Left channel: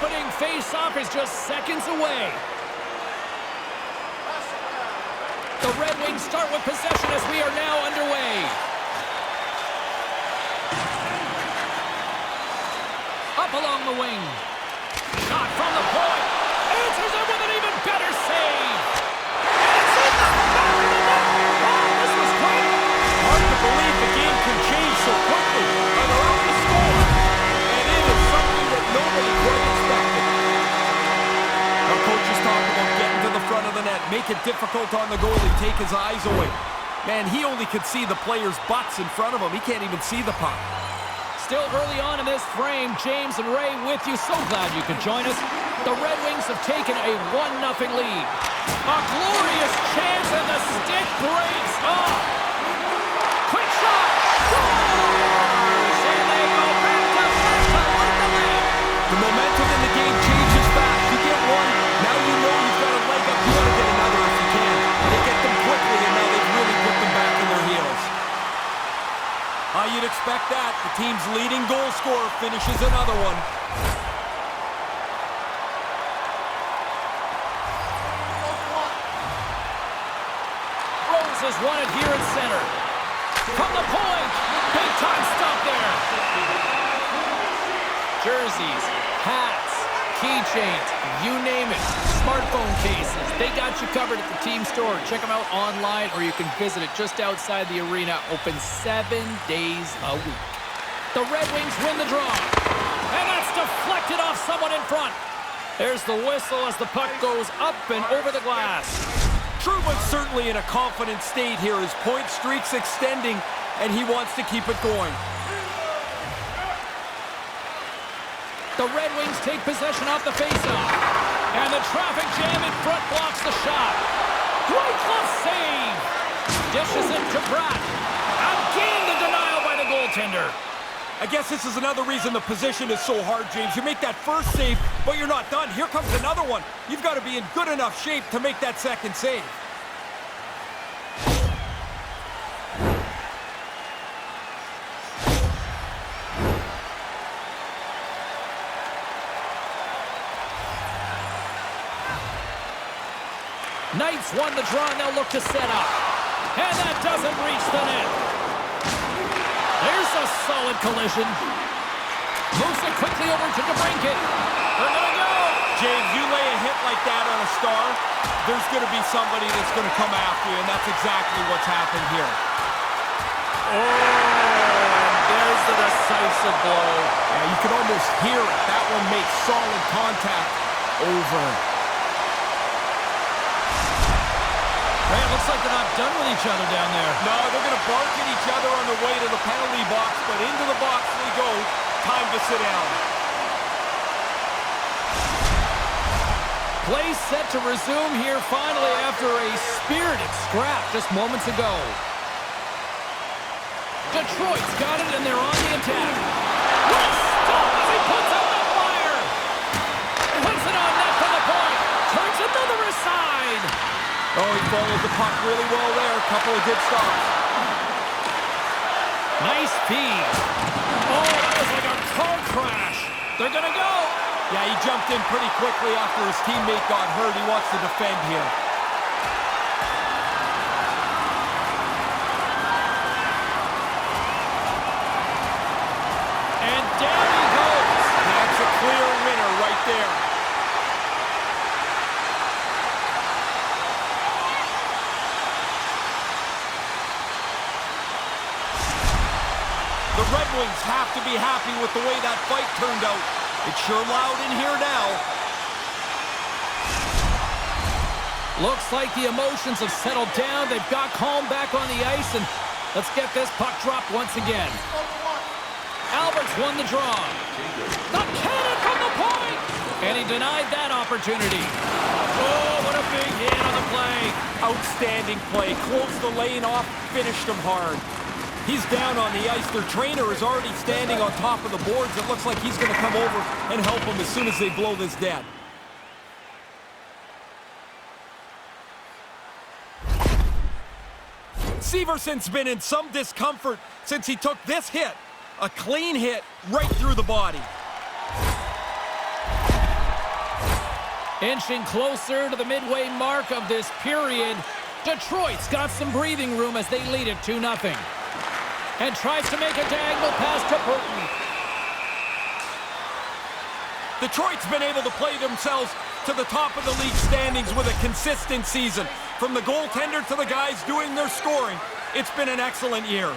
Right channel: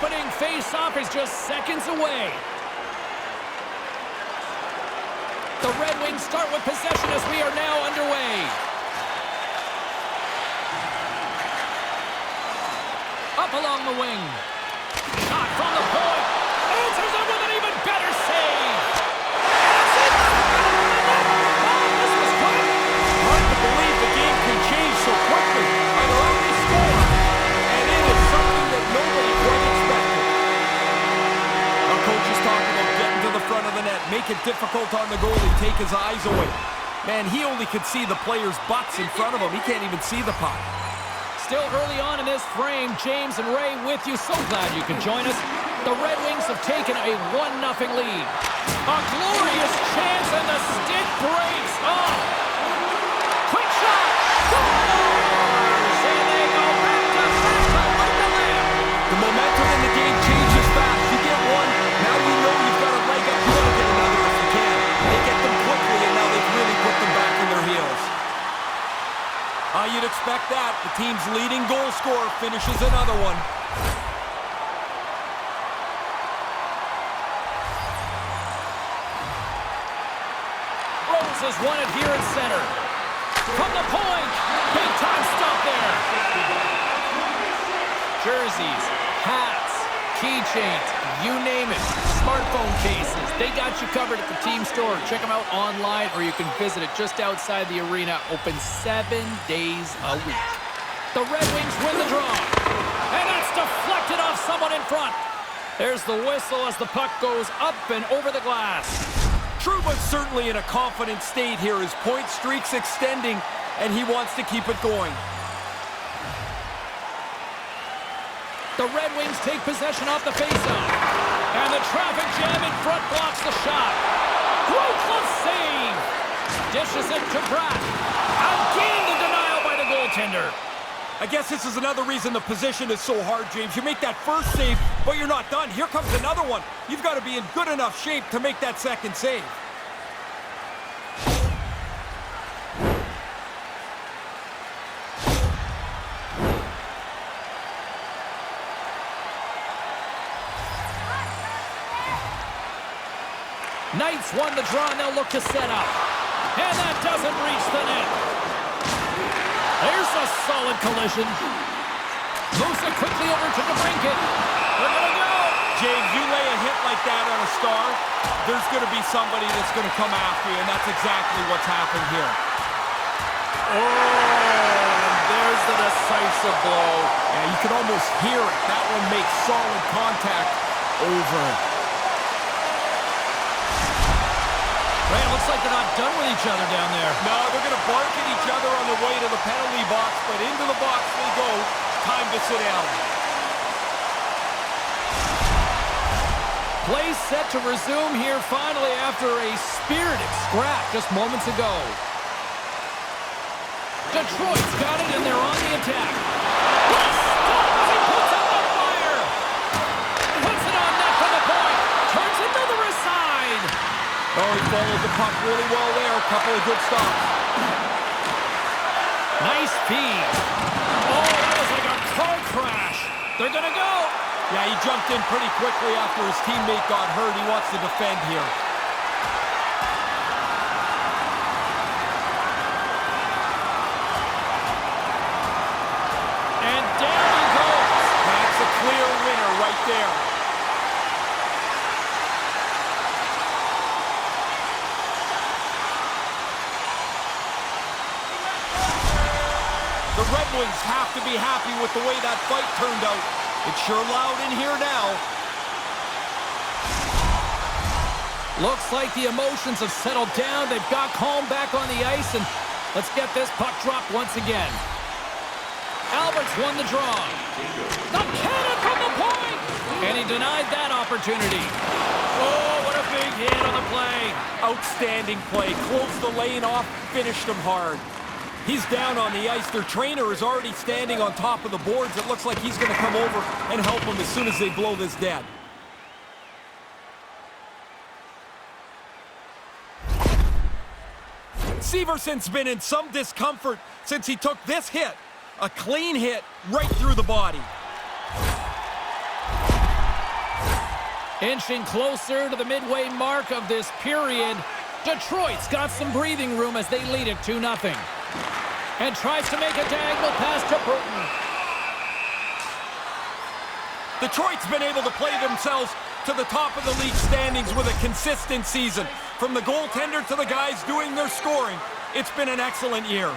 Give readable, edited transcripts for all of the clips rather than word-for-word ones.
opening face-off is just seconds away. The Red Wings start with possession as we are now underway. Up along the wing. Shot from the point. Answers it with an even better save. And it's in the back of the net. Oh, this was quick. Hard to believe the game can change so quickly. And they're already scored. And it is something that nobody quite expected. Our coaches talk about getting to the front of the net, make it difficult on the goalie, take his eyes away. Man, he only could see the players' butts in front of him. He can't even see the puck. Still early on in this frame, James and Ray with you. So glad you could join us. The Red Wings have taken a 1-0 lead. A glorious chance, and the stick breaks. Oh! Quick shot! Scores! And they go back to light the lamp. The momentum in the game changes fast. You get one, now you know you've got a leg up. You want to get another if you can. They get them quickly, and now they've really put them back in their heels. You'd expect that. The team's leading goal scorer finishes another one. Rose has won it here at center. From the point. Big time stop there. Jerseys, hats, keychains, you name it. Smartphone cases. They got you covered at the team store. Check them out online, or you can visit it just outside the arena. Open 7 days a week. The Red Wings win the draw. And that's deflected off someone in front. There's the whistle as the puck goes up and over the glass. Trouba's certainly in a confident state here. His point streak's extending, and he wants to keep it going. The Red Wings take possession off the faceoff. And the traffic jam in front blocks the shot. Great glove save. Dishes it to Pratt. Again, the denial by the goaltender. I guess this is another reason the position is so hard, James. You make that first save, but you're not done. Here comes another one. You've got to be in good enough shape to make that second save. Knights won the draw, and they'll look to set up. And that doesn't reach the net. There's a solid collision. Moves it quickly over to DeBrincat. They're going to go. James, you lay a hit like that on a star, there's going to be somebody that's going to come after you, and that's exactly what's happened here. Oh, and there's the decisive blow. Yeah, you can almost hear it. That one makes solid contact over. Ray, it looks like they're not done with each other down there. No, they're going to bark at each other on their way to the penalty box, but into the box they go. Time to sit down. Play set to resume here finally after a spirited scrap just moments ago. Detroit's got it, and they're on the attack. What a stop as he puts out the fire! Puts it on net from the point. Turns another aside. Oh, he followed the puck really well there. A couple of good stops. Nice feed. Oh, that was like a car crash. They're going to go. Yeah, he jumped in pretty quickly after his teammate got hurt. He wants to defend here. And down he goes. That's a clear winner right there. The Red Wings have to be happy with the way that fight turned out. It's sure loud in here now. Looks like the emotions have settled down. They've got calm back on the ice, and let's get this puck dropped once again. Albert's won the draw. The cannon from the point! And he denied that opportunity. Oh, what a big hit on the play. Outstanding play. Closed the lane off, finished him hard. He's down on the ice. Their trainer is already standing on top of the boards. It looks like he's going to come over and help him as soon as they blow this dead. Severson's been in some discomfort since he took this hit. A clean hit right through the body. Inching closer to the midway mark of this period. Detroit's got some breathing room as they lead it 2-0. And tries to make a diagonal pass to Burton. Detroit's been able to play themselves to the top of the league standings with a consistent season. From the goaltender to the guys doing their scoring, it's been an excellent year.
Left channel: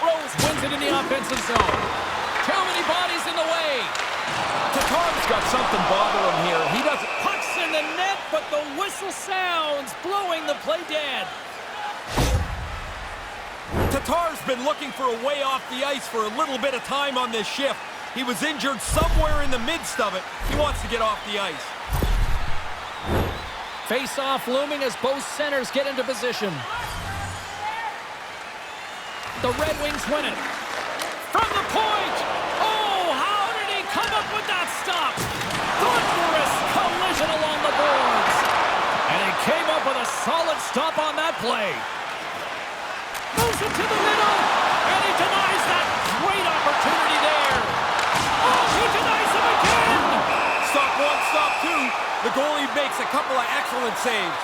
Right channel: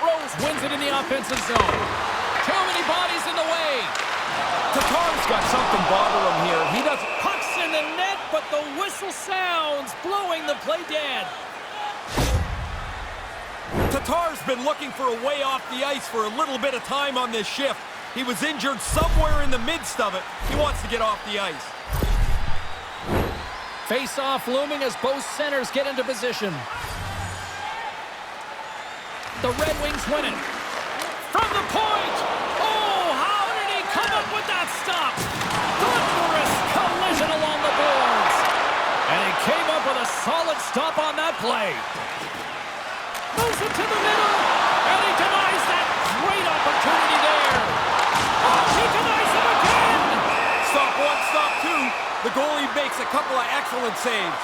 Rose wins it in the offensive zone. Too many bodies in the way. Tatar's got something bother him here. He doesn't... Puck's in the net, but the whistle sounds, blowing the play dead. Tatar's been looking for a way off the ice for a little bit of time on this shift. He was injured somewhere in the midst of it. He wants to get off the ice. Face-off looming as both centers get into position. The Red Wings win it. From the point! Oh, how did he come up with that stop? Thunderous collision along the boards. And he came up with a solid stop on that play. Moves it to the middle, and he denies that great opportunity there. Oh, he denies him again! Stop one, stop two. The goalie makes a couple of excellent saves.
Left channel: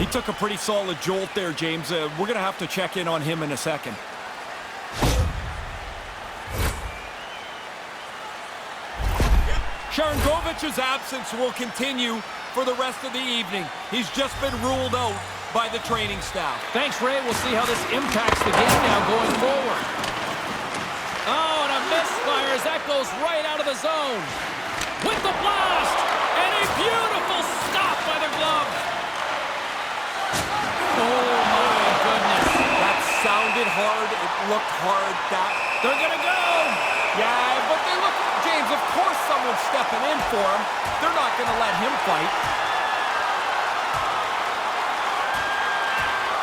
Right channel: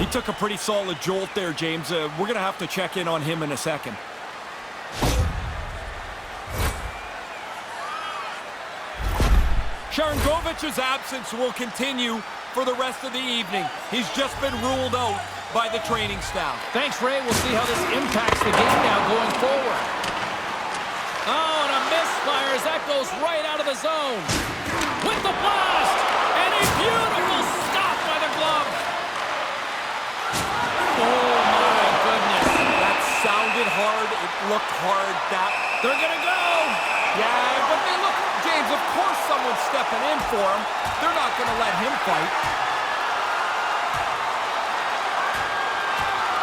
He took a pretty solid jolt there, James. We're going to have to check in on him in a second. Sharangovic's absence will continue for the rest of the evening. He's just been ruled out by the training staff. Thanks, Ray. We'll see how this impacts the game now going forward. Oh, and a misfire as that goes right out of the zone. With the blast, and a beautiful stop by the glove. Oh, my goodness. That sounded hard. It looked hard. They're going to go. Yeah, but they look, James, of course someone's stepping in for him. They're not going to let him fight.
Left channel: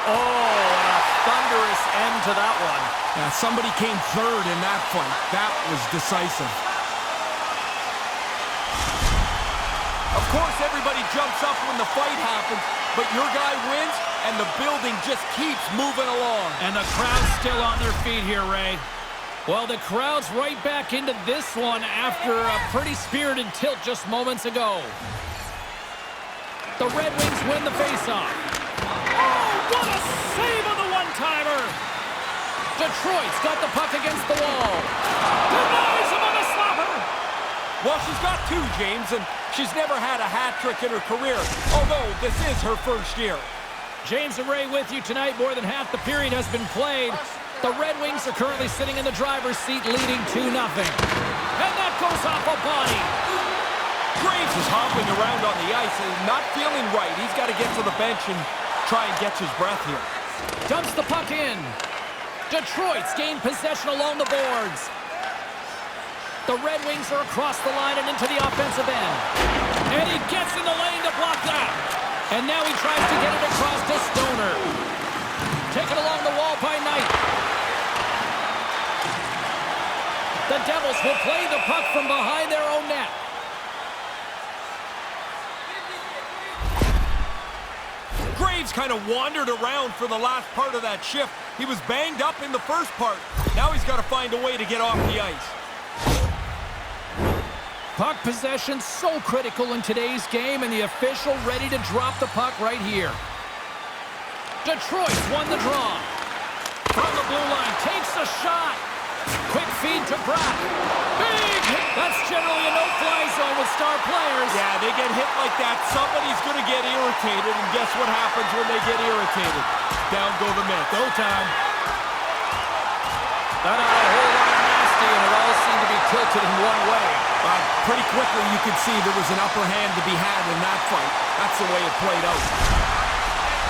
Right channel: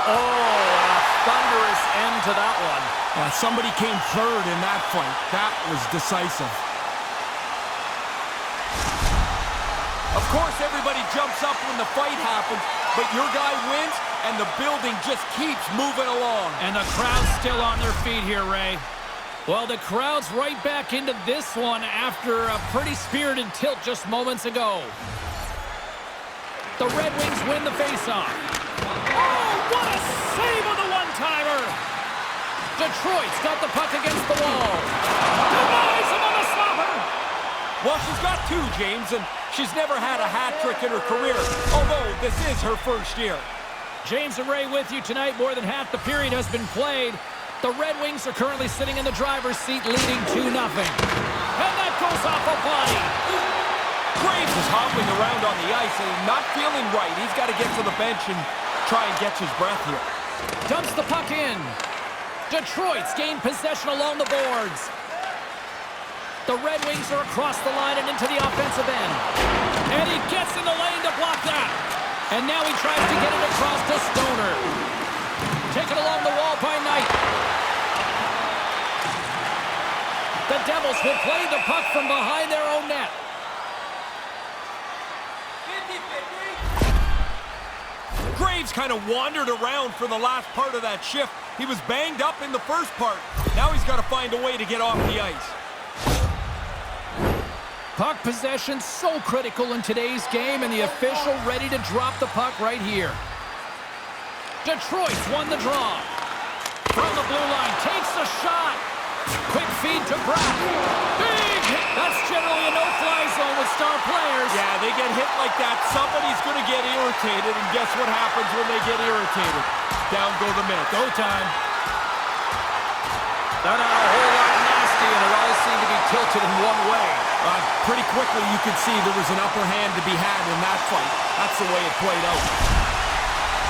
Oh, and a thunderous end to that one. Yeah, somebody came third in that fight. That was decisive. Of course, everybody jumps up when the fight happens, but your guy wins, and the building just keeps moving along. And the crowd's still on their feet here, Ray. Well, the crowd's right back into this one after a pretty spirited tilt just moments ago. The Red Wings win the faceoff. Oh, what a save on the one-timer! Detroit's got the puck against the wall. Denies him on the slapper! Well, she's got two, James, and she's never had a hat trick in her career, although this is her first year. James and Ray with you tonight. More than half the period has been played. The Red Wings are currently sitting in the driver's seat, leading 2-0. And that goes off a body. Graves is hobbling around on the ice and not feeling right. He's got to get to the bench and try and catch his breath here. Dumps the puck in. Detroit's gained possession along the boards. The Red Wings are across the line and into the offensive end. And he gets in the lane to block that. And now he tries to get it across to Stoner. Taken along the wall by Knight. The Devils will play the puck from behind their own net. Graves kind of wandered around for the last part of that shift. He was banged up in the first part. Now he's got to find a way to get off the ice. Puck possession so critical in today's game, and the official ready to drop the puck right here. Detroit's won the draw. From the blue line, takes a shot. Quick feed to Bratt. Big hit. That's generally a no-fly zone with star players. Yeah, they get hit like that. Somebody's going to get irritated, and guess what happens when they get irritated? Down go the Mets. Go time. That had a whole lot of nasty, and it all seemed to be tilted in one way. Pretty quickly, you could see there was an upper hand to be had in that fight. That's the way it played out.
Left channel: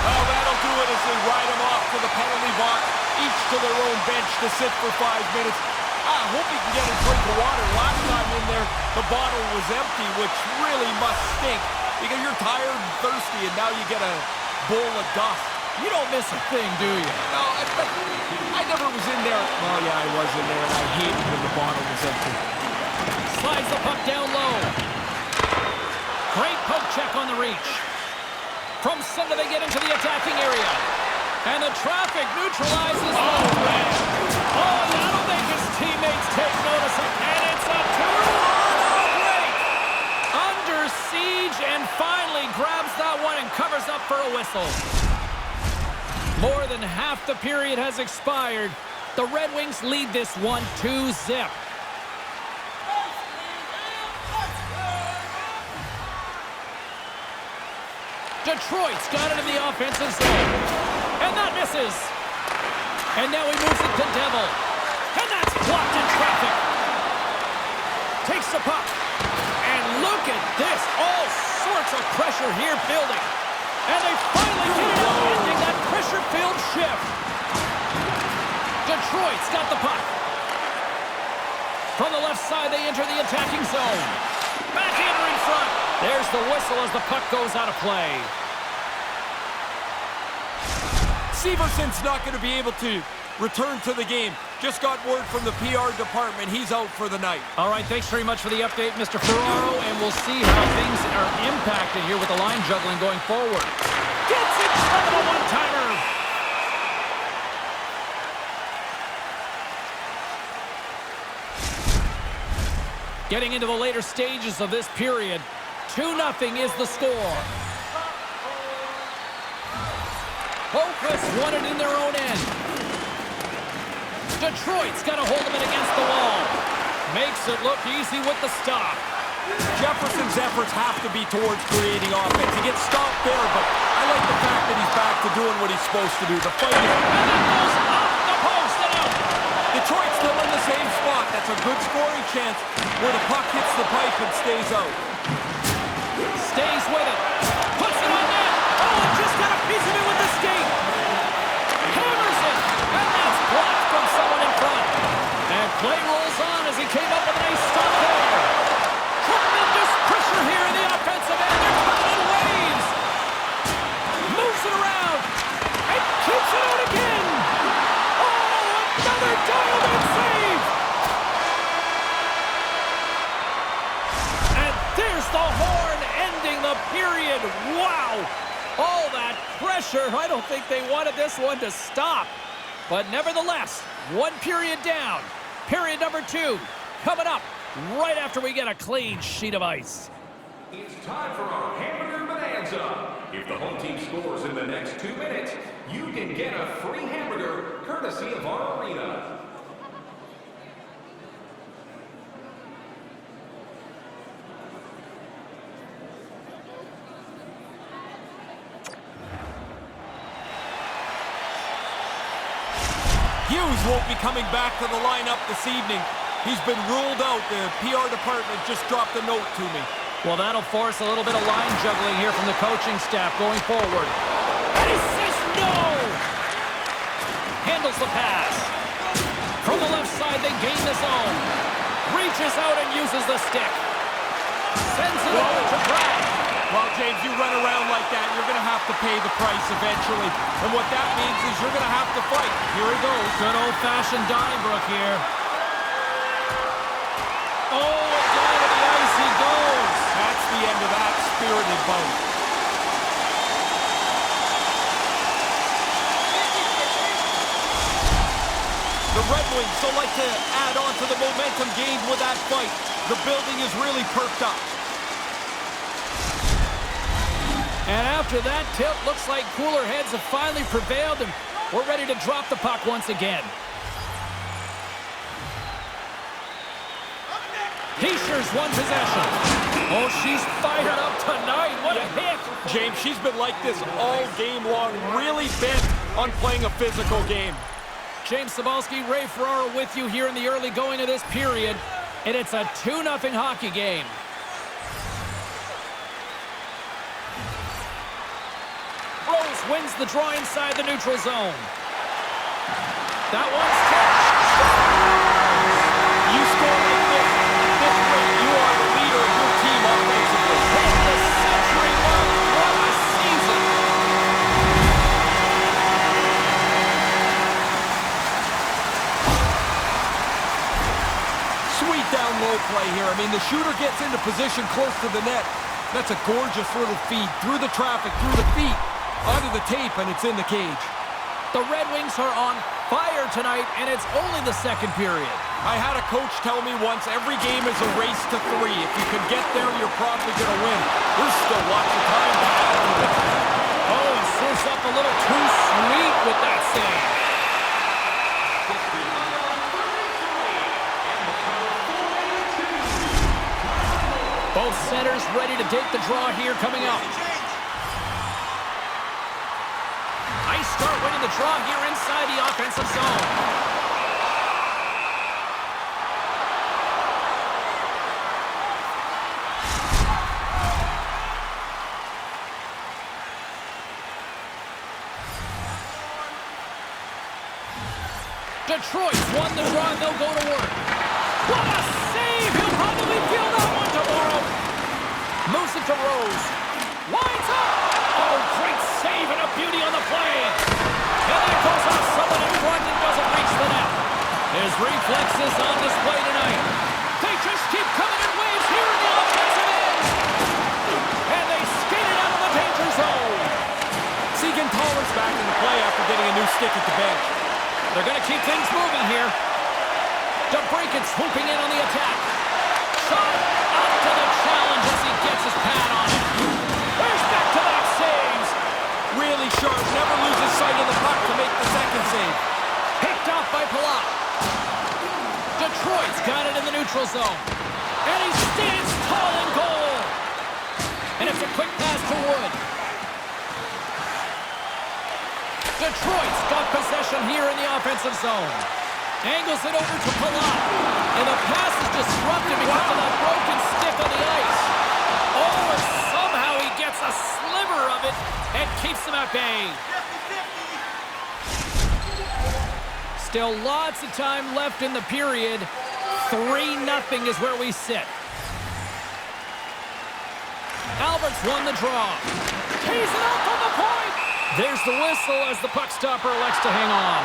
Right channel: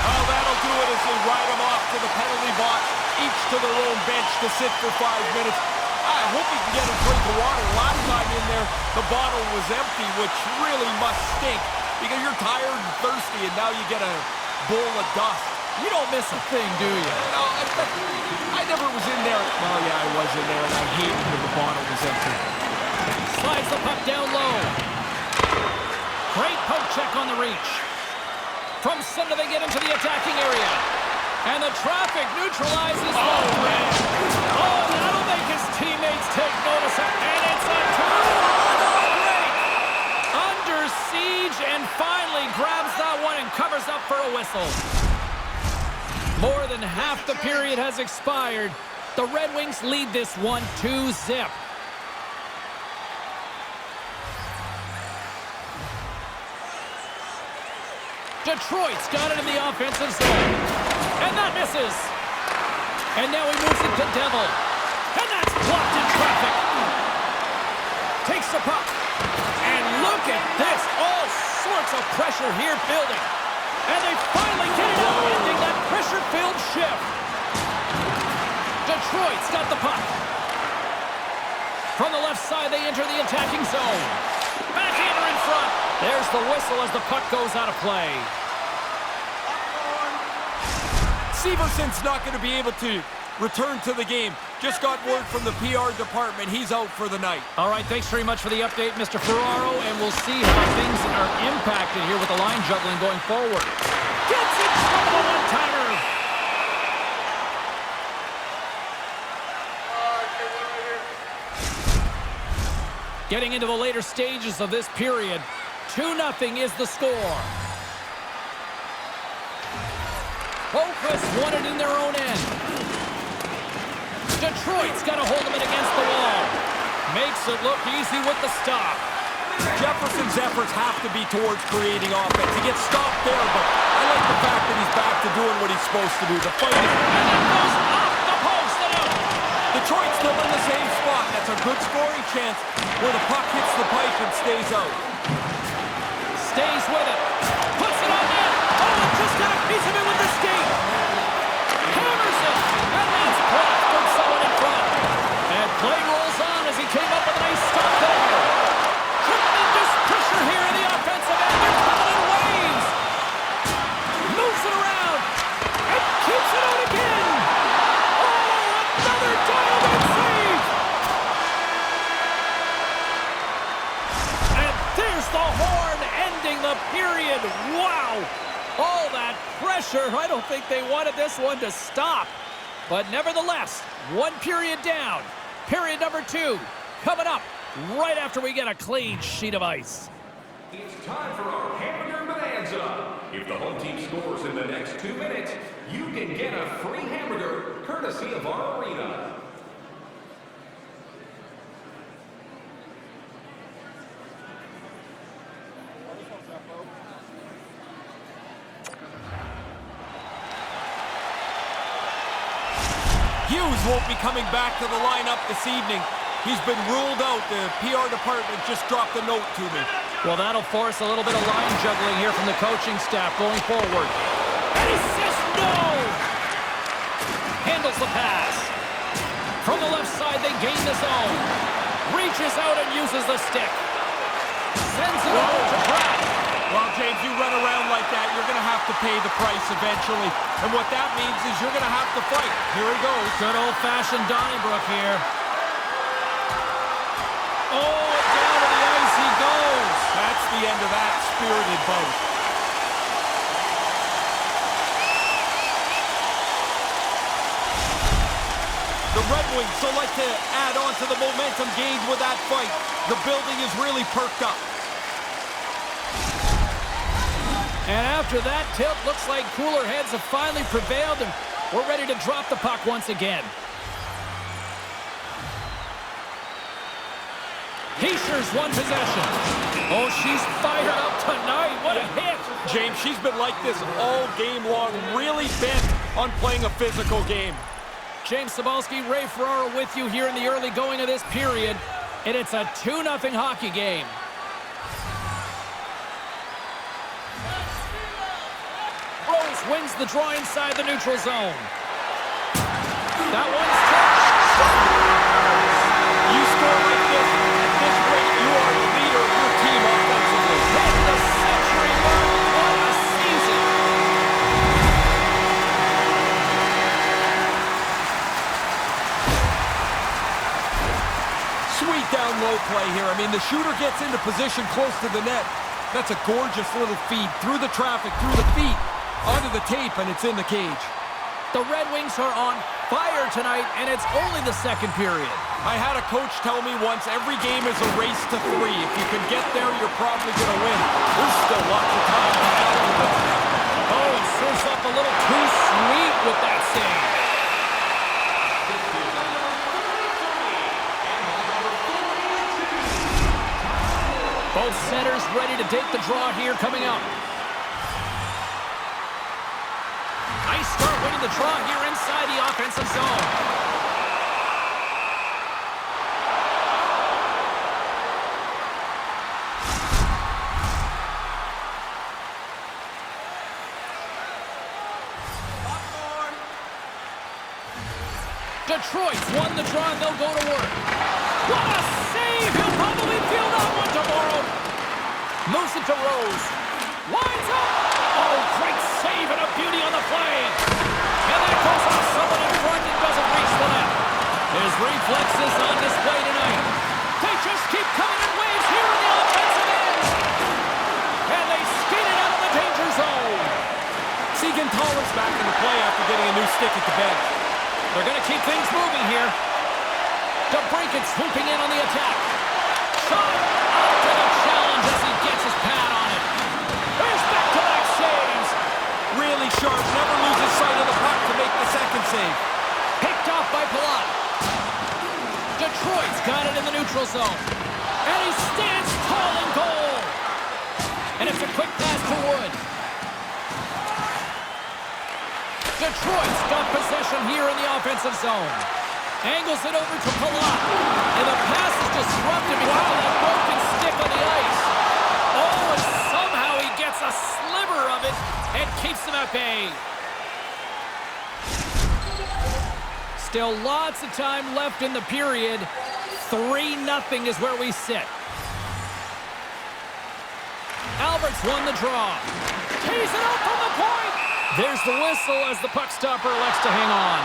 Oh, that'll do it as they ride them off to the penalty box, each to their own bench to sit for 5 minutes. I hope he can get a drink of water. Last time in there, the bottle was empty, which really must stink because you're tired and thirsty, and now you get a bowl of dust. You don't miss a thing, do you? No, I never was in there. Well, yeah, I was in there, and I hated when the bottle was empty. Slides the puck down low. Great poke check on the reach. From center, they get into the attacking area. And the traffic neutralizes. Oh, man. Oh, that'll make his teammates whistle. More than half the period has expired. The Red Wings lead this one 2-0. Detroit's got it in the offensive zone. And that misses. And now he moves it to Devil. And that's blocked in traffic. Takes the puck. And look at this. All sorts of pressure here building. And they finally get it out, ending that pressure-filled shift. Detroit's got the puck. From the left side, they enter the attacking zone. Backhander in front. There's the whistle as the puck goes out of play. Severson's not going to be able to return to the game. Just got word from the PR department. He's out for the night. All right, thanks very much for the update, Mr. Ferraro, and we'll see how things are impacted here with the line juggling going forward. Gets it from the one-timer. Getting into the later stages of this period, 2-0 is the score. Focus won it in their own end. Detroit's got a hold of it against the wall. Makes it look easy with the stop. Jefferson's efforts have to be towards creating offense. He gets stopped there, but I like the fact that he's back to doing what he's supposed to do. The fight is... And that goes off the post and out. Detroit's still in the same spot. That's a good scoring chance where the puck hits the pipe and stays out. Stays with it. Puts it on net. Oh, and just got a piece of it with the skate. Hammers it. And that's blocked from someone in front. And play rolls on as he came up with a nice stop there. Tremendous pressure here in the offensive end. They're coming in waves. Moves it around. And keeps it out again. Oh, another dialed-in save. And there's the horn ending the period. Wow. All that pressure. I don't think they wanted this one to stop. But nevertheless, one period down. Period number 2 coming up right after we get a clean sheet of ice. It's time for our Hamburger Bonanza. If the home team scores in the next 2 minutes, you can get a free hamburger courtesy of our arena. Hughes won't be coming back to the lineup this evening. He's been ruled out. The PR department just dropped a note to me. Well, that'll force a little bit of line juggling here from the coaching staff going forward. And he says no! Handles the pass. From the left side, they gain the zone. Reaches out and uses the stick. Sends it over to Pratt. Well, James, you run around like that, you're going to have to pay the price eventually. And what that means is you're going to have to fight. Here he goes. Good old-fashioned Donnybrook here. Oh, and down to the ice he goes. That's the end of that spirited bout. The Red Wings still like to add on to the momentum gained with that fight. The building is really perked up. And after that tilt, looks like cooler heads have finally prevailed, and we're ready to drop the puck once again. Heischer's won possession. Oh, she's fired up tonight. What a hit. James, she's been like this all game long, really bent on playing a physical game. James Cybulski, Ray Ferraro with you here in the early going of this period, and it's a 2-0 hockey game. Rose wins the draw inside the neutral zone. That one's tipped. You score like this, at this rate, you are the leader of your team offensively. Hit the century mark. What a season. Sweet down low play here. I mean, the shooter gets into position close to the net. That's a gorgeous little feed through the traffic, through the feet, onto the tape, and it's in the cage. The Red Wings are on fire tonight, and it's only the second period. I had a coach tell me once, every game is a race to 3. If you can get there, you're probably going to win. There's still lots of time to add to this. Oh, and this up a little too sweet with that save. Assisted by number 33 and by number 42. Both centers ready to take the draw here coming up. Nice start winning the draw here inside the offensive zone. Detroit's won the draw and they'll go to work. What a save! He'll probably feel that one tomorrow. Moves it to Rose. Winds up! Oh, great save and a beauty on the play. And that goes off someone in front and doesn't reach the net. His reflexes on display tonight. They just keep coming in waves here in the offensive end. And they skate it out of the danger zone. Siegenthaler's back in the play after getting a new stick at the bench. They're going to keep things moving here. DeBrincat swooping in on the attack. Shot up to the challenge as he gets his pad on it. There's back-to-back saves. Really sharp, never loses sight of the puck to make the second save. Picked off by Palat. Detroit's got it in the neutral zone. And he stands tall in goal. And it's a quick pass to Wood. Detroit's got possession here in the offensive zone. Angles it over to Palat. And the pass is disrupted because of that broken stick on the ice. Oh, and somehow he gets a sliver of it and keeps them at bay. Still lots of time left in the period. 3-0 is where we sit. Albert's won the draw. Tees it up from the point. There's the whistle as the puck stopper elects to hang on.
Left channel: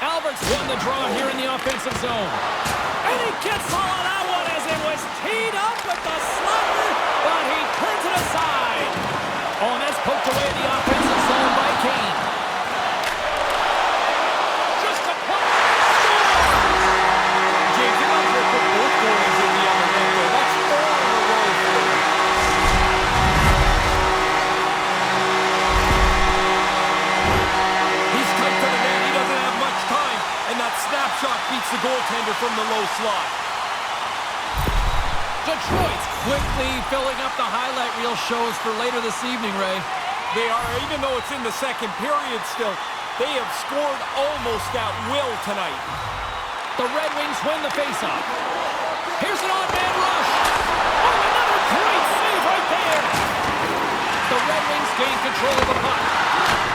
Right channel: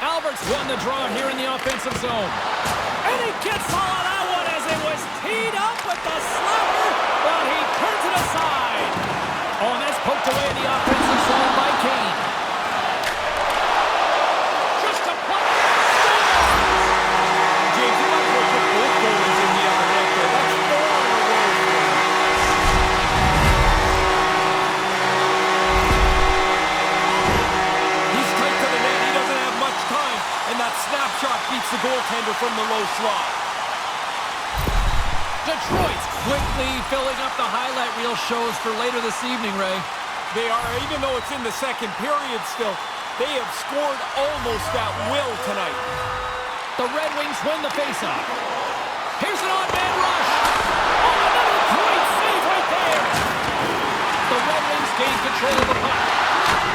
Albert's won the draw here in the offensive zone. And he gets all of that one as it was teed up with the slapper, but he turns it aside. Oh, and that's poked away in the offensive zone by Kane. Just a puck. Score! James, you might as well put both goalies in the other net there. That's 4 in a row for him. He's tight to the net. He doesn't have much time. And that snapshot beats the goaltender from the low slot. Detroit's quickly filling up the highlight reel shows for later this evening, Ray. They are, even though it's in the second period still, they have scored almost at will tonight. The Red Wings win the faceoff. Here's an odd man rush. Oh, another great save right there. The Red Wings gain control of the puck.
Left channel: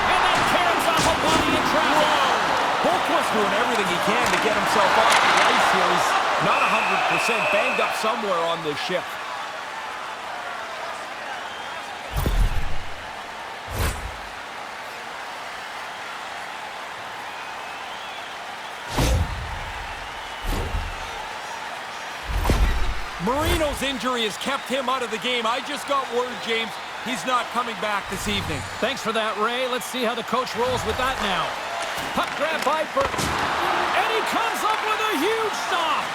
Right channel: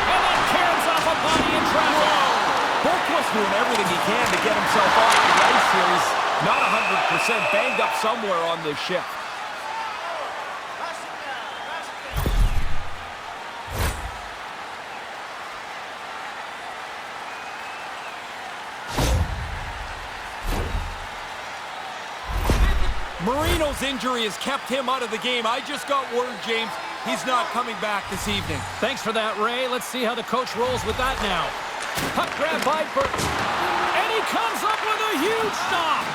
And then caroms off a body in traffic. Whoa! Boquist's doing everything he can to get himself off the ice here. He's not 100%, banged up somewhere on this shift. Marino's injury has kept him out of the game. I just got word, James, he's not coming back this evening. Thanks for that, Ray. Let's see how the coach rolls with that now. Puck grab by Burke. And he comes up with a huge stop.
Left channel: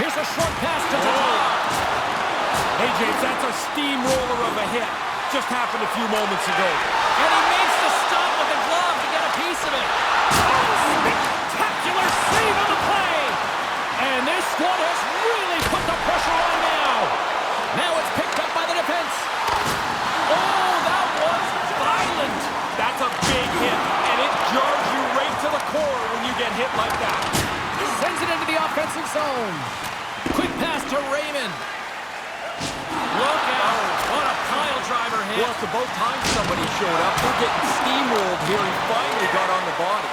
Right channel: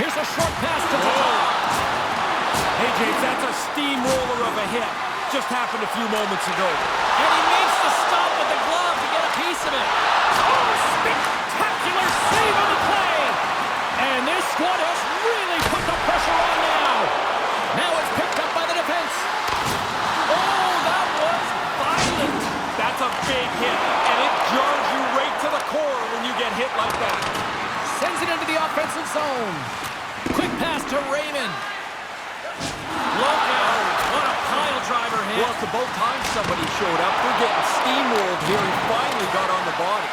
Here's a short pass to Tatar. Hey, James, that's a steamroller of a hit. Just happened a few moments ago. And he makes the stop with the glove to get a piece of it. Oh, spectacular save on the play. And this squad has really put the pressure on now. Now it's picked up by the defense. Oh, that was violent. That's a big hit, and it jars you right to the core when you get hit like that. Sends it into the offensive zone. Quick pass to Raymond. Look out. What a pile driver hit. Well, it's about time somebody showed up. We're getting steamrolled here. He finally got on the body.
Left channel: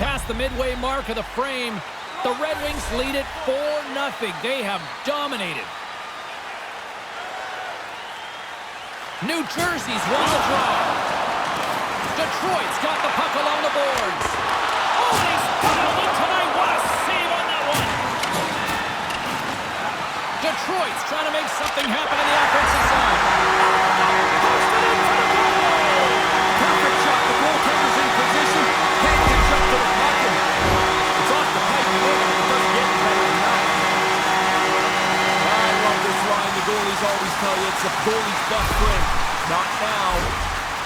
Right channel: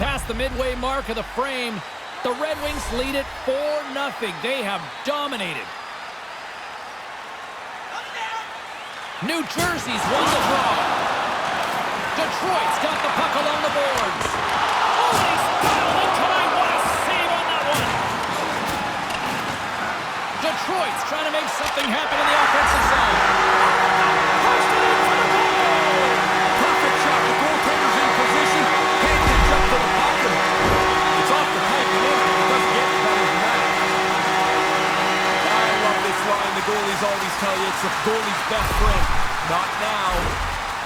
Past the midway mark of the frame, the Red Wings lead it 4-0. They have dominated. New Jersey's won the draw. Detroit's got the puck along the boards. Oh, and he's dialed in tonight. What a save on that one. Detroit's trying to make something happen in the offensive zone. Posted in for the goal! Perfect shot. The goaltender's in position. Can't catch up to the puck. It's off the pipe and in. It doesn't get any better than that. I love this line. The goalies always tell you it's the goalie's best friend. Not now.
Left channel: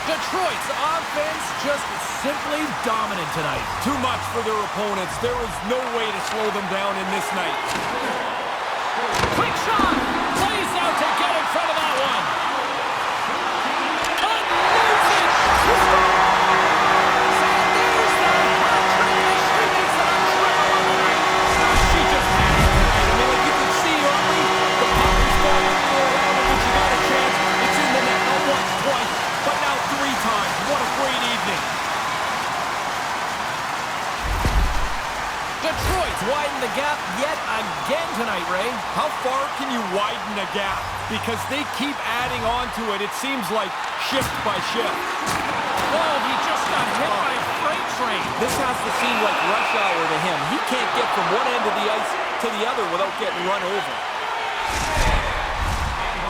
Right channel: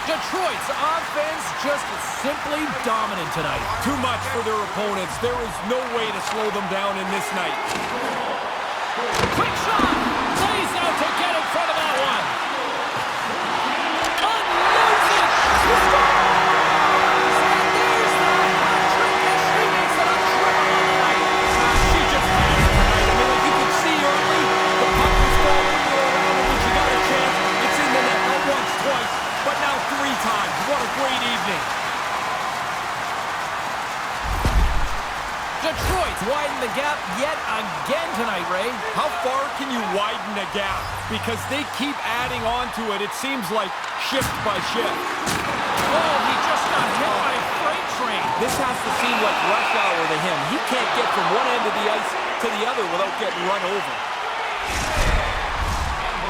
Detroit's offense just simply dominant tonight. Too much for their opponents. There is no way to slow them down in this night. Quick shot! Plays out to get in front of that one. Unloads it! She scores! And there's the hat trick as she makes it a triple on the night. She just has it tonight. I mean, like you could see early, the puck was following her around, and when she got a chance, it's in the net. Not once, twice, but now 3 times. What a great evening. Detroit's widened the gap yet again tonight, Ray. How far can you widen a gap? Because they keep adding on to it. It seems like shift by shift. Oh, he just got hit by a freight train. This has to seem like rush hour to him. He can't get from one end of the ice to the other without getting run over.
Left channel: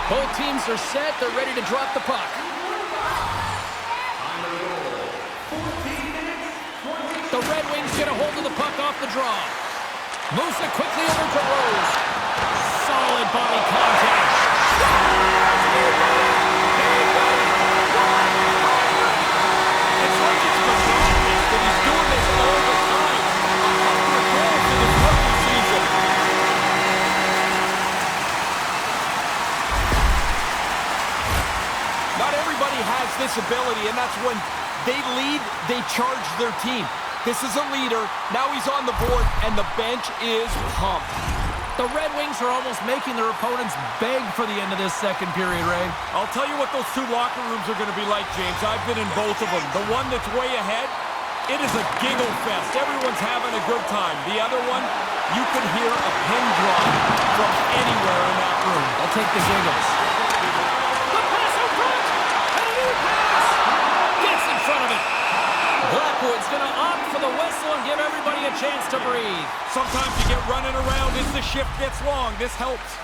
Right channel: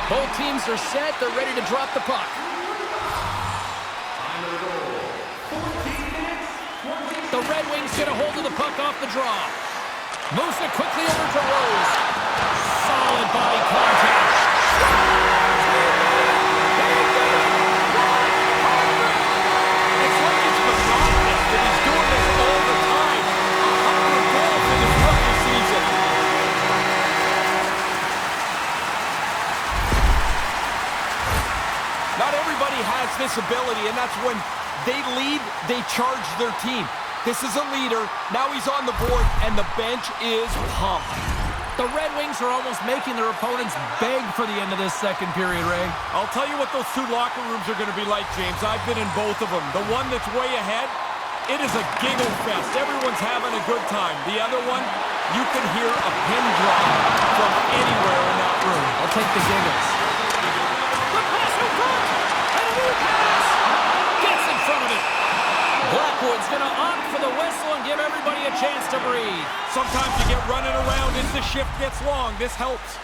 Both teams are set. They're ready to drop the puck. Time of the goal. 14 minutes, 20 The Red Wings get a hold of the puck off the draw. Moves it quickly over to Rose. Solid body contact. Scores! He did it! He did it! 100! It's like it's monotonous that he's doing this all the time. 100 goals in his rookie season. Not everybody has this ability, and that's when they lead, they charge their team. This is a leader. Now he's on the board, and the bench is pumped. The Red Wings are almost making their opponents beg for the end of this second period, Ray. I'll tell you what those 2 locker rooms are going to be like, James. I've been in both of them. The one that's way ahead, it is a giggle fest. Everyone's having a good time. The other one, you can hear a pin drop from anywhere in that room. I'll take the giggles. The pass in front! And a new pass! Gets in front of it. Blackwood's going to opt for the whistle and give everybody a chance to breathe. Sometimes you get running around as the shift gets long. This helps.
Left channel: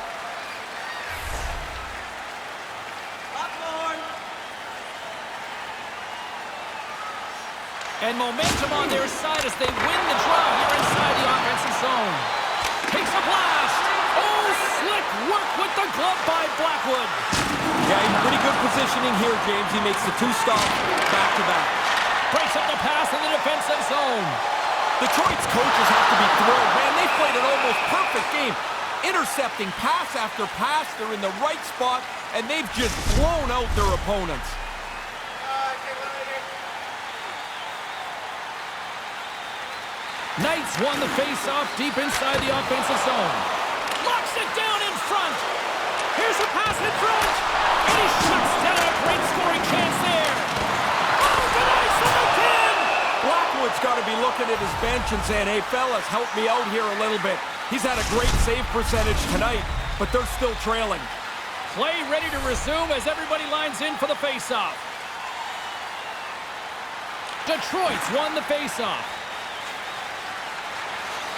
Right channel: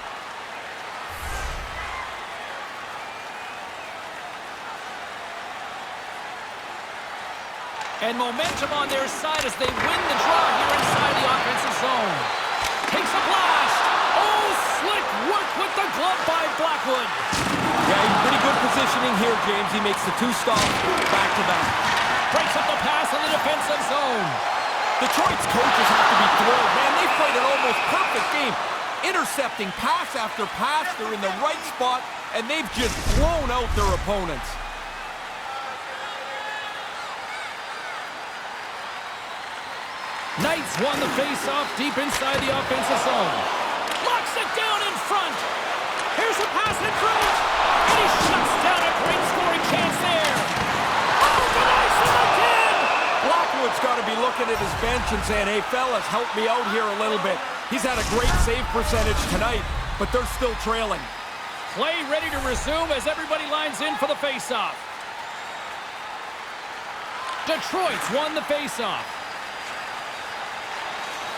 And momentum on their side as they win the draw here inside the offensive zone. Takes a blast. Oh, slick work with the glove by Blackwood. Yeah, he's pretty good positioning here, James. He makes the 2 stops back-to-back. Breaks up the pass in the defensive zone. Detroit's coaches have to be thrilled. Man, they played an almost perfect game. Intercepting pass after pass. They're in the right spot, and they've just blown out their opponents. Knights won the face-off deep inside the offensive zone. Locks it down in front. Here's a pass in front. And he shuts down a great scoring chance there. Oh, denies them again. Blackwood's got to be looking at his bench and saying, hey, fellas, help me out here a little bit. He's had a great save percentage tonight, but they're still trailing. Play ready to resume as everybody lines in for the face-off. Detroit's won the face-off.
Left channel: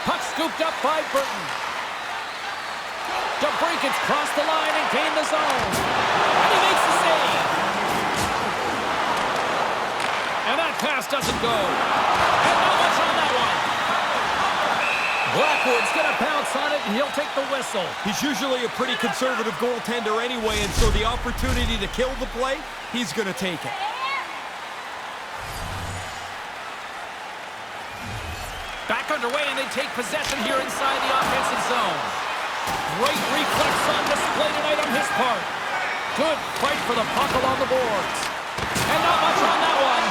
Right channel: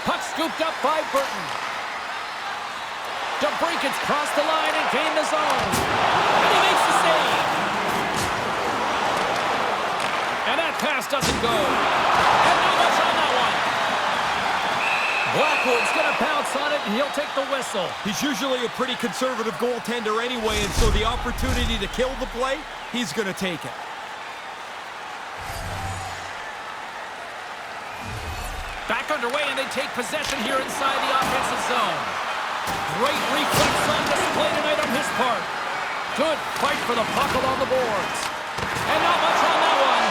Puck scooped up by Burton. DeBrinket's crossed the line and gained the zone. And he makes the save. And that pass doesn't go. And not much on that one. Blackwood's going to bounce on it, and he'll take the whistle. He's usually a pretty conservative goaltender anyway, and so the opportunity to kill the play, he's going to take it. Back underway, and they take possession here inside the offensive zone. Great reflex on display tonight on his part. Good fight for the puck along the boards. And not much on that one.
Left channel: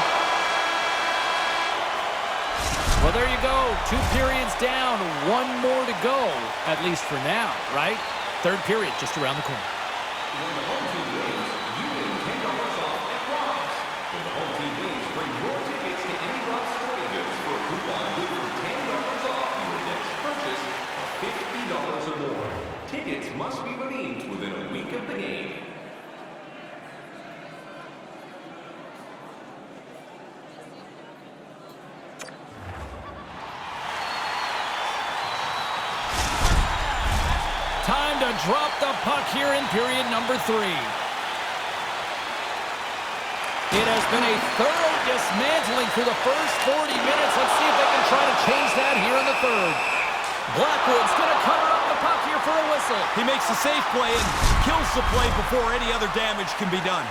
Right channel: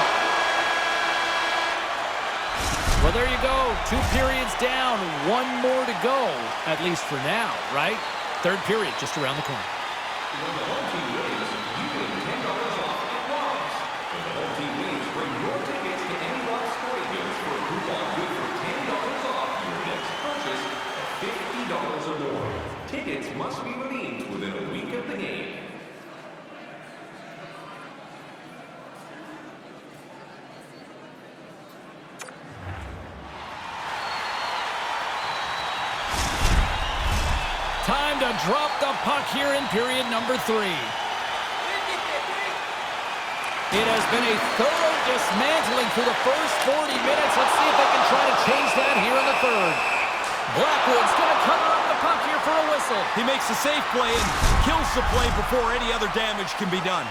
Well, there you go. 2 periods down, 1 more to go, at least for now, right? 3rd period just around the corner. When the home team wins, you win $10 off at Rob's. When the home team wins, bring your tickets to any Rob's Sporting Goods for a coupon good for $10 off your next purchase of $50 or more. Tickets must be redeemed within a week of the game. Time to drop the puck here in period number 3. It has been a thorough dismantling through the first 40 minutes. Let's see if they can try to change that here in the third. Blackwood's going to cover up the puck here for a whistle. He makes a safe play and kills the play before any other damage can be done.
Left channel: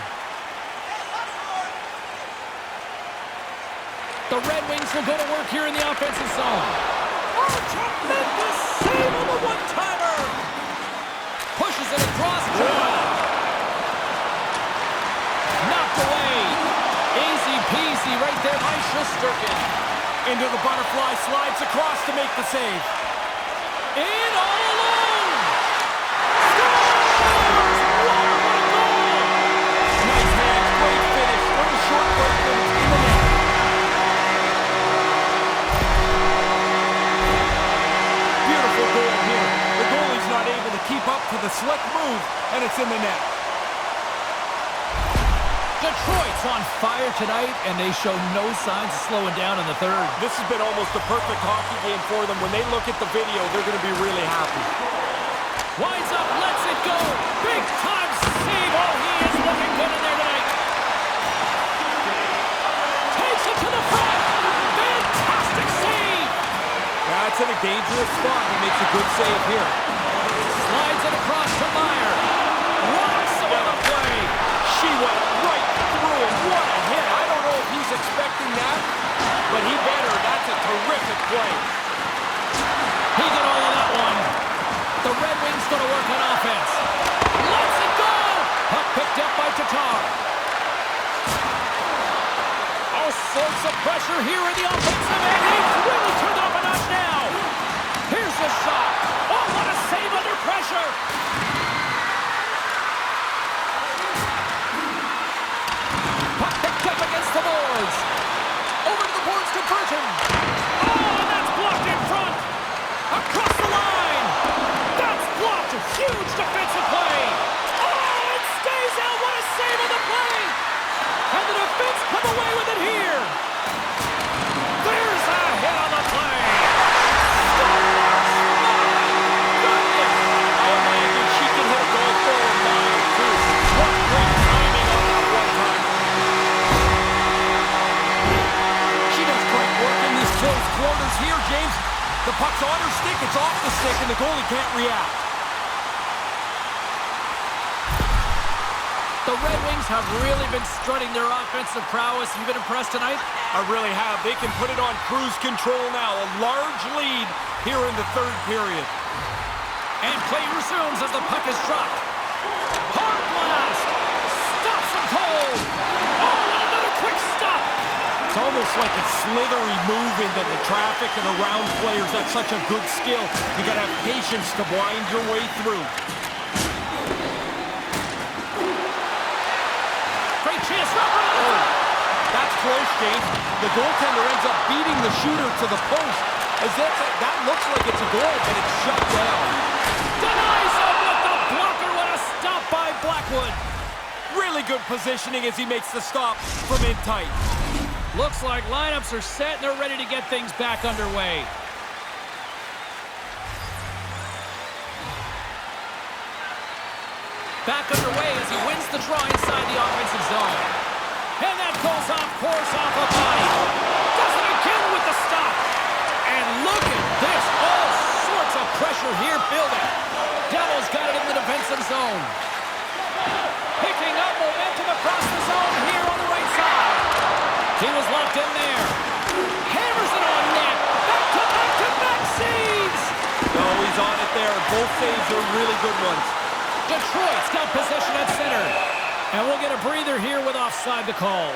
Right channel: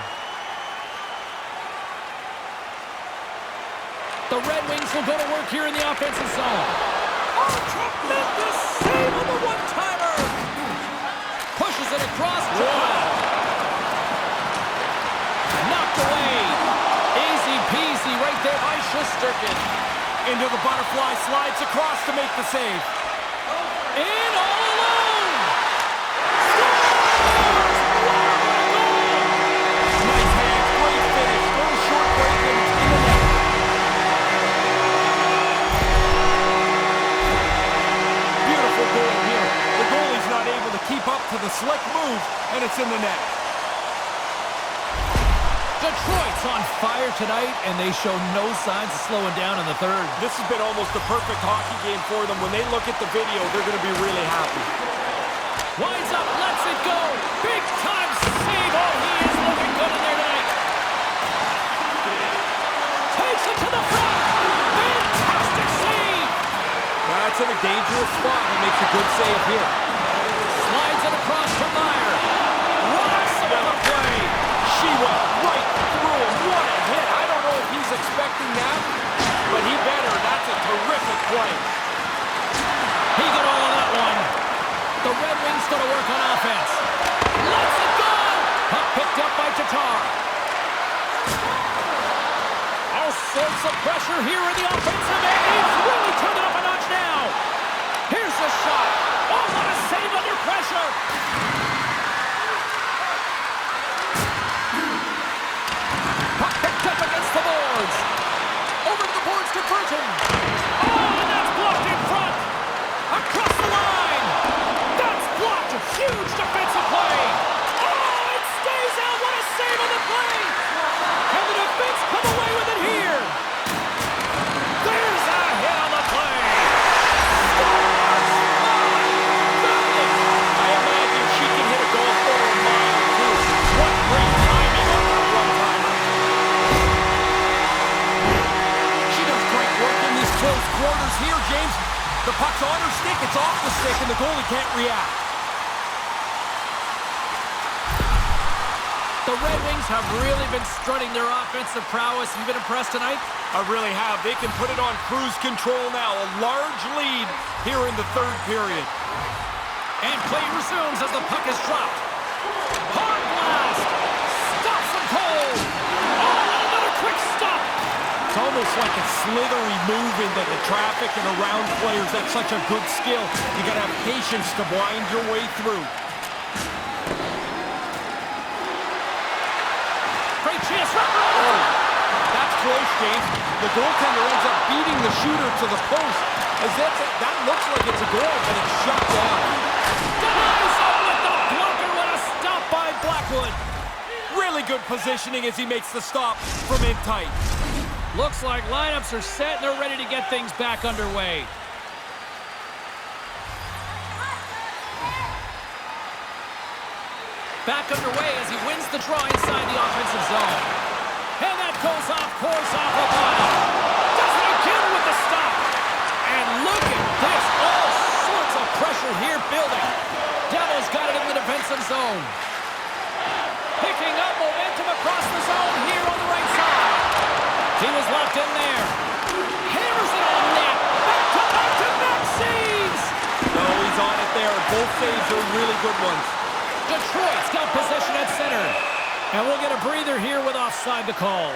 The Red Wings will go to work here in the offensive zone. Oh, tremendous save on the one-timer! Pushes it across. Knocked away. Easy peasy right there by Shesterkin. Into the butterfly, slides across to make the save. In all alone. Scores! Wow, what a goal! Nice hands, great finish. Little short break and it's in the net. Beautiful goal here. The goalie's not able to keep up to the slick move, and it's in the net. Detroit's on fire tonight, and they show no signs of slowing down in the third. This has been almost a perfect hockey game for them. When they look at the video, they're going to be really happy. Winds up, lets it go. Big time save. Oh, he is looking good in there tonight. Takes it to the front. Fantastic save. That's in a dangerous spot. He makes a good save here. Slides it across to Meyer. Rocks him on the play. She went right through him. What a hit. I don't know if he's expecting that, but he better. That's a terrific play. He got all of that one. The Red Wings go to work on offense. Lets it go. Puck picked up by Tatar. All sorts of pressure here in the offensive end. He's really turned it up a notch now. Here's the shot. Oh, what a save under pressure. Puck picked up against the boards. Over to the boards to Burton. Oh, and that's blocked in front. Across the line. That's blocked. Huge defensive play. Oh, it stays out. What a save on the play. And the defense come away with it here. There's a hit on the play. Scores! My goodness. I imagine she can hit a golf ball a mile, too. What great timing on that one-timer. She does great work in these close quarters here, James. The puck's on her stick, it's off the stick, and the goalie can't react. The Red Wings have really been strutting their offensive prowess. Have you been impressed tonight? I really have. They can put it on cruise control now. A large lead here in the third period. And play resumes as the puck is dropped. Hard blast. Stops him cold. Oh, and another quick stop. It's almost like a slithery move into the traffic and around players. That's such a good skill. You got to have patience to wind your way through. Great chance. Rubber. Oh, that's close, James. The goaltender ends up beating the shooter to the post. That looks like it's a goal, but it's shut down. Denies him with the blocker. What a stop by Blackwood. Really good positioning as he makes the stop from in tight. Looks like lineups are set and they're ready to get things back underway. Back underway as he wins the draw inside the offensive zone. And that goes off course off a body. Does it again with the stop. And look at this. All sorts of pressure here building. Devils got it in the defensive zone. Picking up momentum across the zone here on the right side. He was locked in there. Hammers it on net. Back-to-back-to-back saves. No, he's on it there. Both saves are really good ones. Detroit's got possession at center. And we'll get a breather here with offside the call.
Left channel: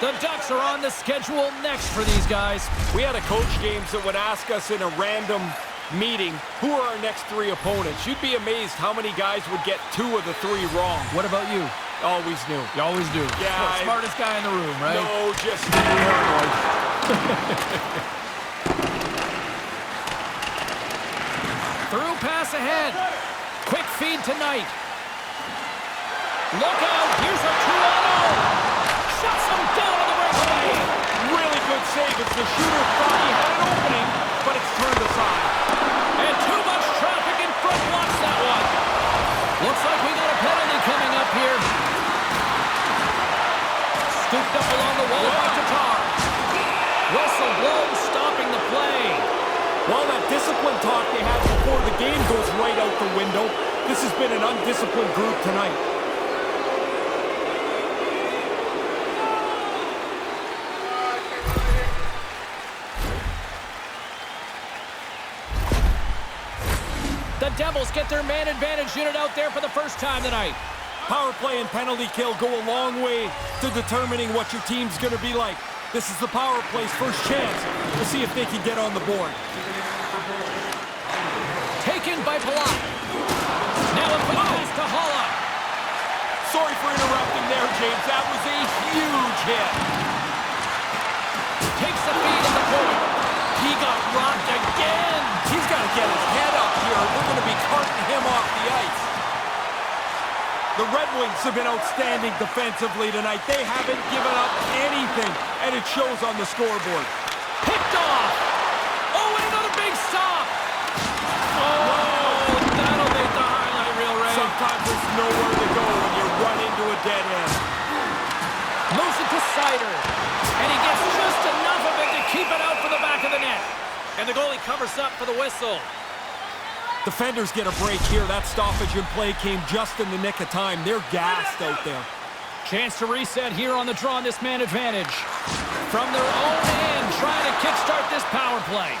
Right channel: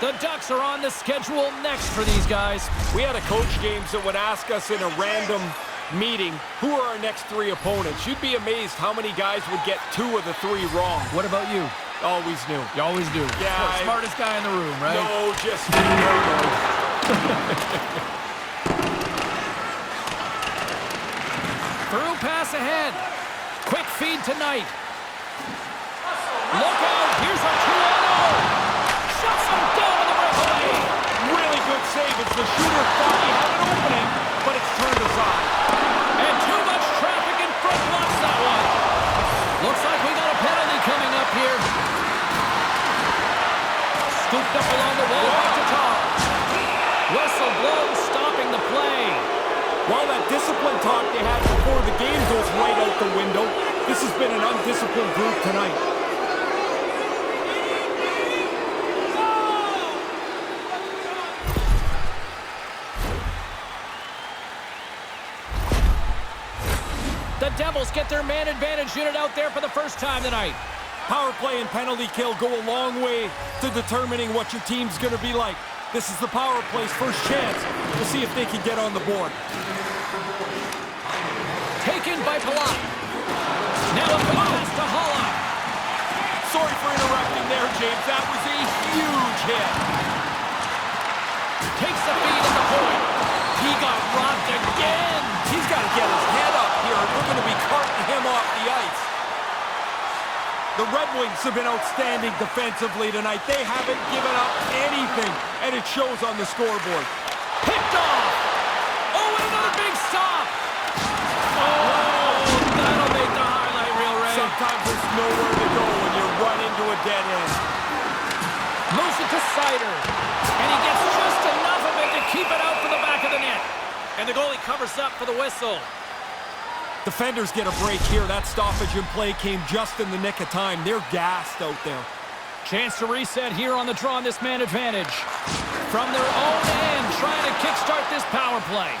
The Ducks are on the schedule next for these guys. We had a coach, James, that would ask us in a random meeting, who are our next three opponents? You'd be amazed how many guys would get 2 of the 3 wrong. What about you? Always knew. You always do. Yeah. Smartest guy in the room, right? No, just paranoid. Through pass ahead. Quick feed tonight. Look out. Here's a 2-on-0. Shuts him down on the breakaway. Really good save as the shooter thought he had an opening, but it's turned aside. And too much traffic in front blocks that one. Whistle blows, stopping the play. Well, that discipline talk they had before the game goes right out the window. This has been an undisciplined group tonight. The Devils get their man advantage unit out there for the first time tonight. Power play and penalty kill go a long way to determining what your team's going to be like. This is the power play's first chance. We'll see if they can get on the board. Taken by Palat. Now a quick pass to Holla. Sorry for interrupting there, James. That was a huge hit. Takes the feed at the point. He got rocked again. He's got to get his head up here. They're going to be carting him off the ice. The Red Wings have been outstanding defensively tonight. They haven't given up anything, and it shows on the scoreboard. Picked off. Oh, and another big stop. Oh, that'll make the highlight reel, Ray. Sometimes there's nowhere to go when you run into a dead end. Moves it to Sider. And he gets just enough of it to keep it out for the back of the net. And the goalie covers up for the whistle. Defenders get a break here. That stoppage in play came just in the nick of time. They're gassed out there. Chance to reset here on the draw on this man advantage. From their own end, trying to kickstart this power play.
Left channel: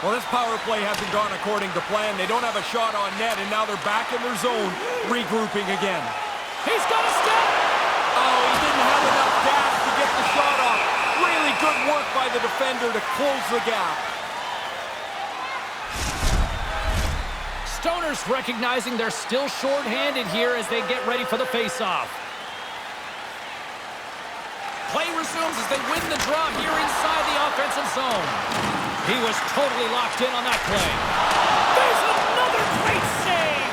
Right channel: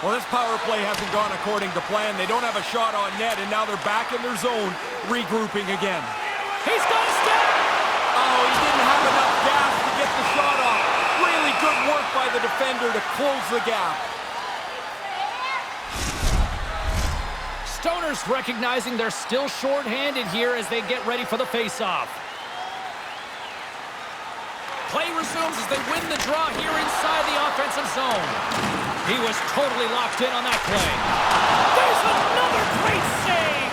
Well, this power play hasn't gone according to plan. They don't have a shot on net, and now they're back in their zone, regrouping again. He's got a step! Oh, he didn't have enough gas to get the shot off. Really good work by the defender to close the gap. Stoners recognizing they're still short-handed here as they get ready for the face-off. Play resumes as they win the draw here inside the offensive zone. He was totally locked in on that play. There's another great save!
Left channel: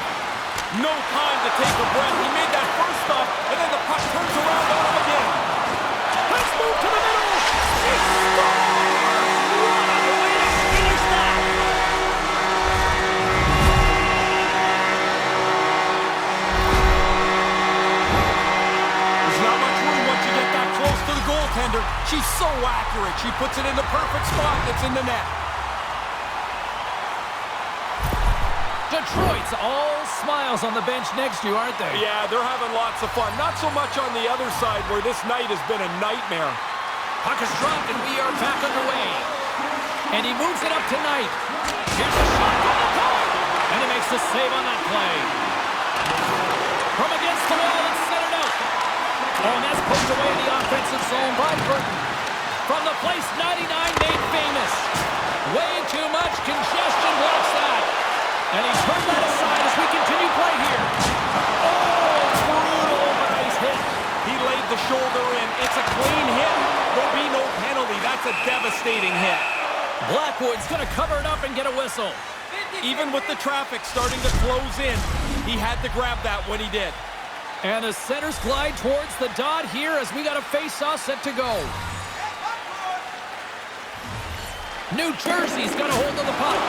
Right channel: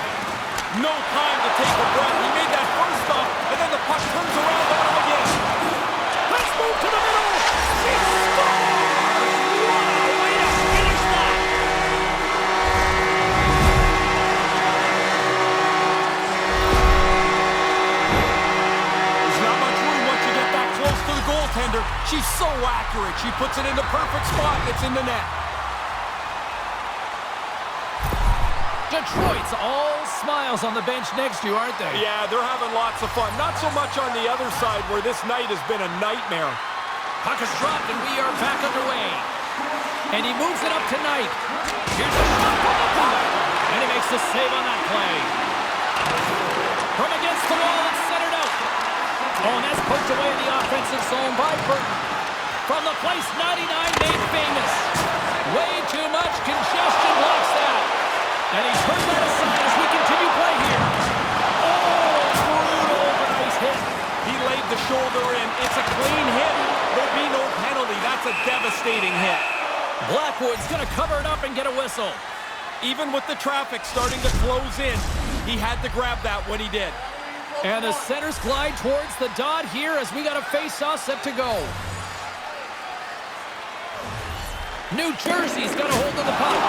No time to take a breath. He made that first stop, and then the puck turns around on him again. Let's move to the middle! He scores! What a way to finish that! There's not much room once you get that close to the goaltender. She's so accurate. She puts it in the perfect spot. It's in the net. Detroit's all smiles on the bench next to you, aren't they? Yeah, they're having lots of fun. Not so much on the other side where this night has been a nightmare. Puck is dropped and we are back underway. And he moves it up tonight. Here's a shot from the point. And he makes the save on that play. From against the wall, it's centered out. Oh, and that's poked away in the offensive zone by Burton. From the place 99 made famous. Way too much congestion blocks that. And he turned that aside as we continue play here. Oh, brutal but nice hit. He laid the shoulder in. It's a clean hit. There'll be no penalty. That's a devastating hit. Blackwood's going to cover it up and get a whistle. Even with the traffic starting to close in, he had to grab that when he did. And the centers glide towards the dot here as we got a face-off set to go. New Jersey's got a hold of the puck.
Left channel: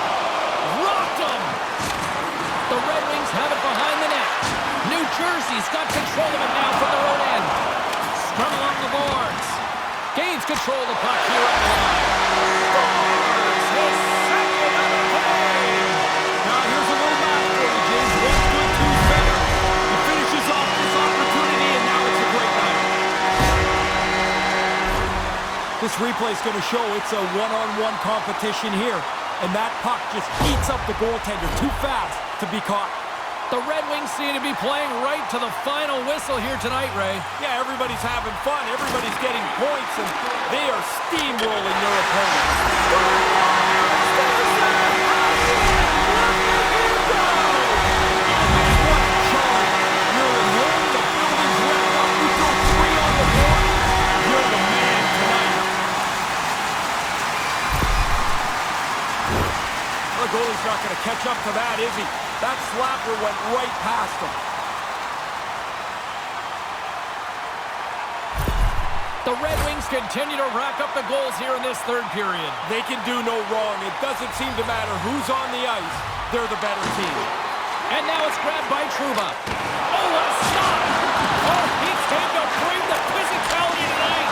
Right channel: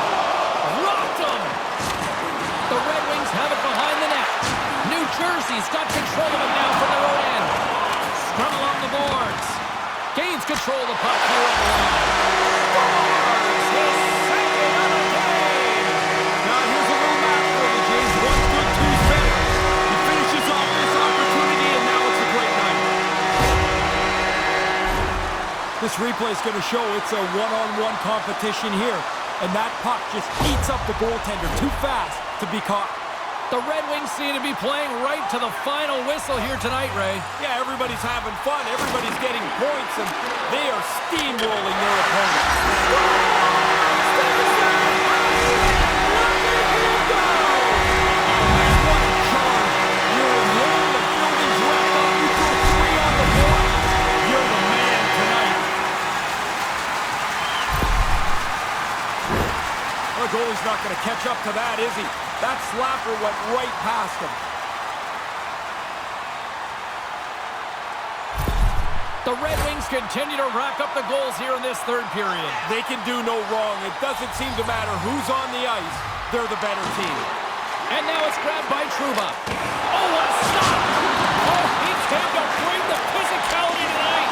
Rocked him! The Red Wings have it behind the net. New Jersey's got control of it now from their own end. Scrum along the boards. Gains control of the puck here at the line. Scores his second of the game! Now here's a little math for you, James. One's good, two's better. He finishes off this opportunity, and now it's a great night. This replay is going to show it's a one-on-one competition here. And that puck just eats up the goaltender too fast to be caught. The Red Wings seem to be playing right to the final whistle here tonight, Ray. Yeah, everybody's having fun. Everybody's getting points, and they are steamrolling their opponent. There's that! Look at him go! Oh, man, what a charge. You're at home, the building's wrapped up, you throw three on the board. You're the man tonight. The goalie's not going to catch up to that, is he? That slapper went right past him. The Red Wings continue to rack up the goals here in this third period. They can do no wrong. It doesn't seem to matter who's on the ice. They're the better team. And now it's grabbed by Trouba. Oh, what a stop! Oh, he came to bring the physicality tonight.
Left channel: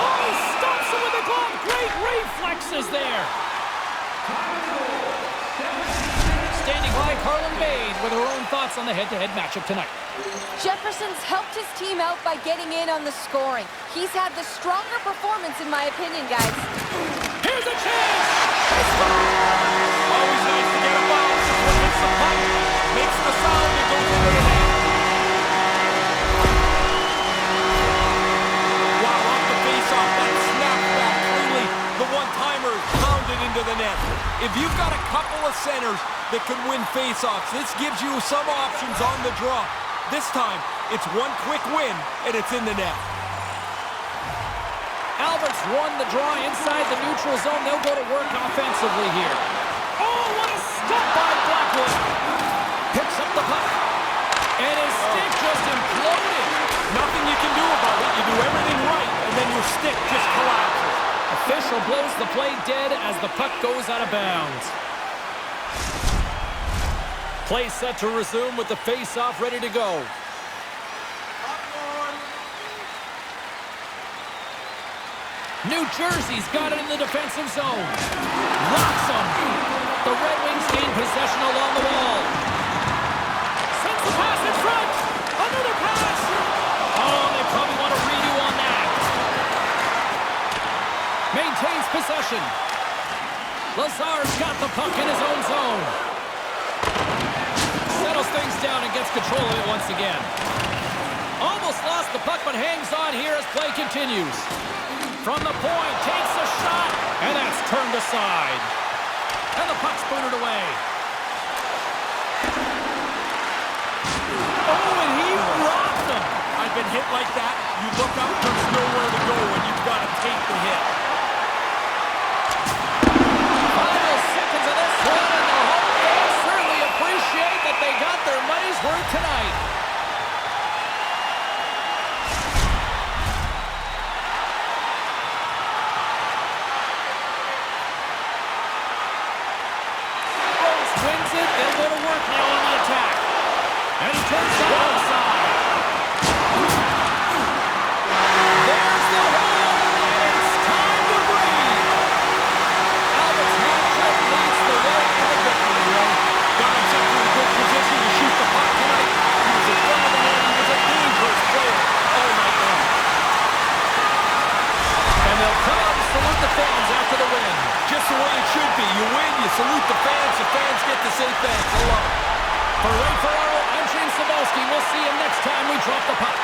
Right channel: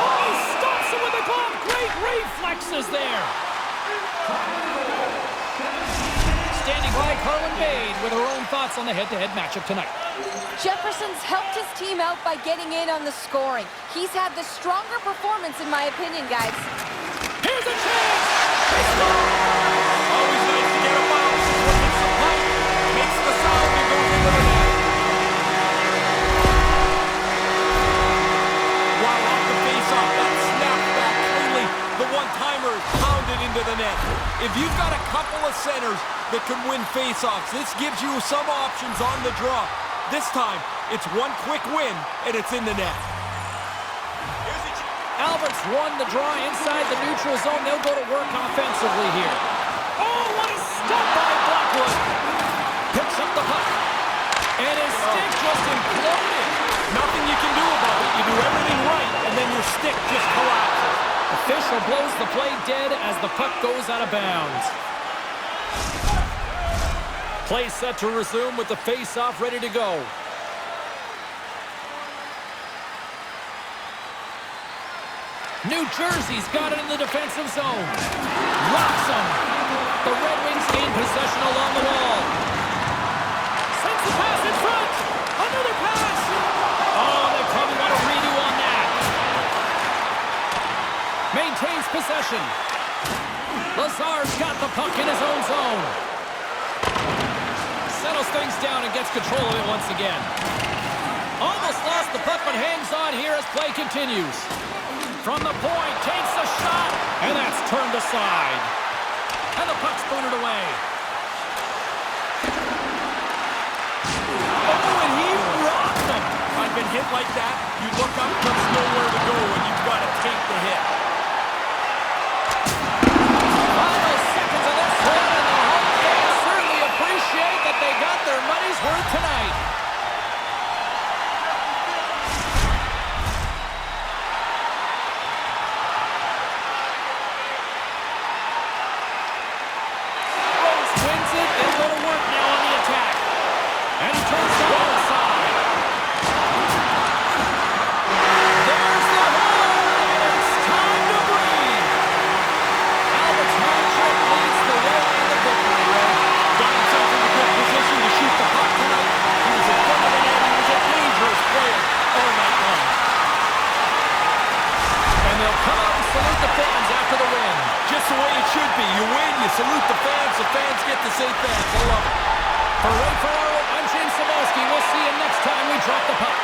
Oh, he stops him with a glove. Great reflexes there. Standing by, Carlin Bade with her own thoughts on the head-to-head matchup tonight. Jefferson's helped his team out by getting in on the scoring. He's had the stronger performance, in my opinion, guys. Here's a chance! It's Always nice to get a bounce. This one hits the pipe, makes the sound, and goes into the net. Wow, off the face-off, that snapped back cleanly. The one-timer is pounded into the net. If you've got a couple of centers that can win face-offs, this gives you some options on the draw. This time, it's one quick win, and it's in the net. Alberts won the draw inside the neutral zone. They'll go to work offensively here. Oh, what a stop by Blackwood. Picks up the puck. And his stick just imploded. Nothing you can do about it. You do everything right, and then your stick just collapses. Official blows the play dead as the puck goes out of bounds. Play set to resume with the face-off ready to go. New Jersey's got it in the defensive zone. Rocks him. The Red Wings gain possession along the wall. Sends the pass in front. Another pass. Oh, they probably want a redo on that. Maintains possession. Lazar's got the puck in his own zone. Settles things down and gets control of it once again. Almost lost the puck, but hangs on here as play continues. From the point, takes a shot, and that's turned aside. And the puck's booted away. Oh, and he rocked him. I've been hit like that. You look up, there's nowhere to go, and you've got to take the hit. Final seconds of this one, and the home fans certainly appreciate that they got their money's worth tonight. Wins it, they'll go to work now on the attack. And he turns to one side. There's the horn, and it's time to breathe. Albert's hat trick leads the way in the victory, Ray. Got himself in a good position to shoot the puck tonight. He was in front of the net. He was a dangerous player all night long. And they'll come out and salute the fans after the win. Just the way it should be. You win, you salute the fans get to say thanks. I love it. For Ray Ferraro, I'm James Cybulski. We'll see you next time we drop the puck.